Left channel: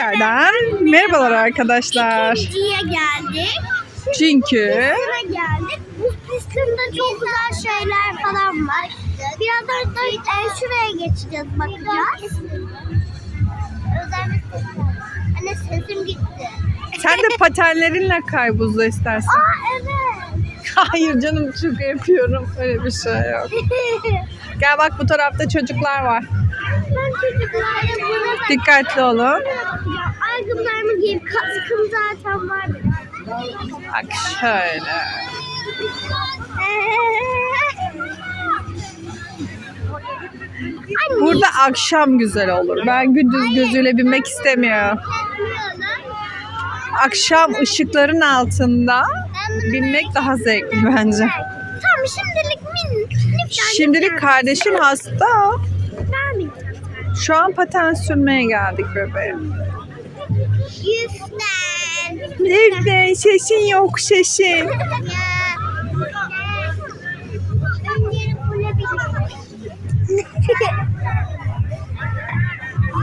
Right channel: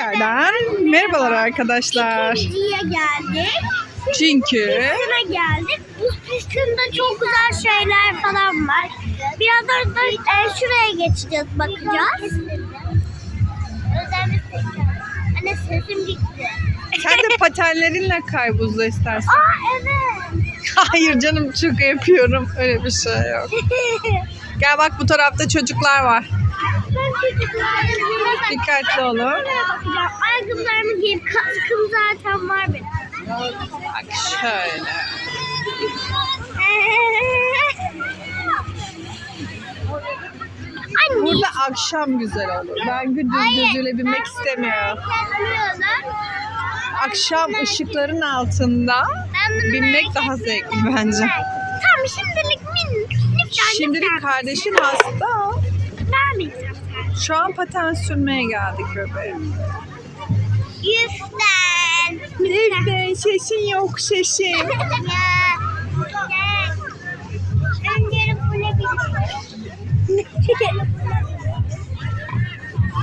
Tekrardan merhabalar arkadaşlar. İkinciye geldik. Çünkü Pistine geldik. Bu pistimde çok güzel şeyler falan var. Birazdan da e, şuraya geçeceğiz bakacağız. Anne sesim gitti. sen de patenlerinle kay buzda istersen. Aa evet. Hayır canım çok yapıyorum. Öyle bir şey yok. Gel bak bu tarafta çocuklar var. Ben çocuklarım. Dikkatli olun. Ayakkabılarımı giyip kaskım zaten var benim. Bak şöyle. Anne. Burada akşam güzel olur. Ben gündüz gözüyle binmek istemiyorum. Akşam ışıkların altında binmek daha zevkli bence. Tamam şimdilik min. Şimdilik lütfen. kardeşin hasta. Ben bineceğim. Şu an paten sürmeye geldik bebeğim. Yüzden. Evde şeşin yok şeşin. Ya. Yarın buna. Bir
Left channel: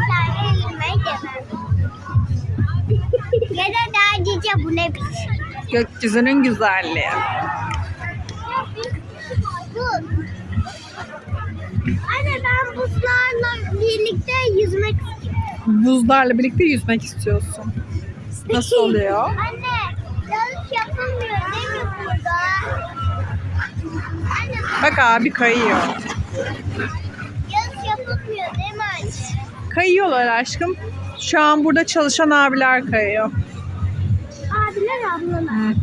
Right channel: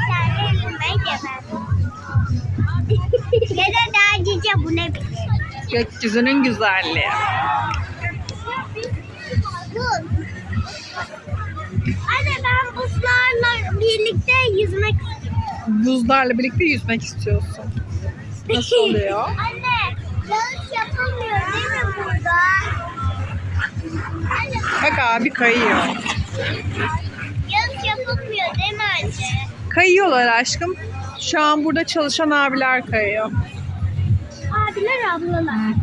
tane elime birlikte yüzmek istiyorum. Buzlarla birlikte yüzmek istiyorsun. Nasıl oluyor? Anne yanlış yapılmıyor değil mi burada? Anne Bak abi kayıyor. yanlış yapılmıyor değil mi anne? Kayıyorlar aşkım. Şu an burada çalışan abiler kayıyor. Abiler ablalar.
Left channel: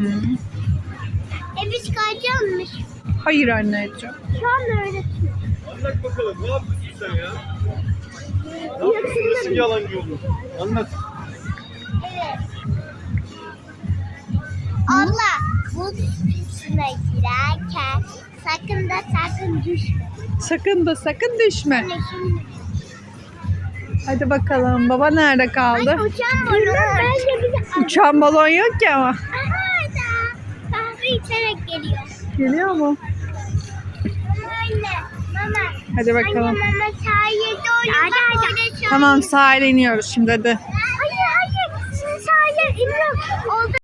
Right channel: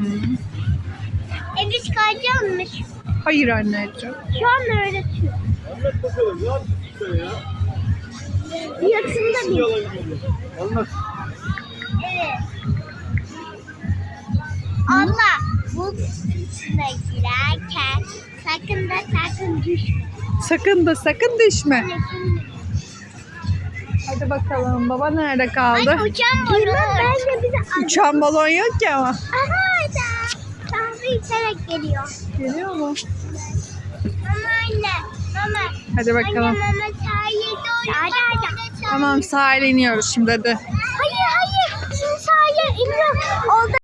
E biz kayacağımmış. Hayır anneciğim. Şu an öğretiyor. Anlat bakalım ne yapıyorsun sen ya? Yatında Nasıl bir. yalan yolu? Anlat. Evet. Allah bu içine girerken sakın da sakın düşme. Sakın da sakın düşme. Şimdi. Hadi bakalım. Baba nerede kaldı? Ay uçan balon. Bence bize Uçan balon yok ki ama. Aha da. Kahve içerek geliyor. Geliyor mu? Mama anne. Mama. Hadi Anne bakalım. mama sahilde oyun bak orada çalıyor. Tamam sahile iniyoruz şimdi hadi.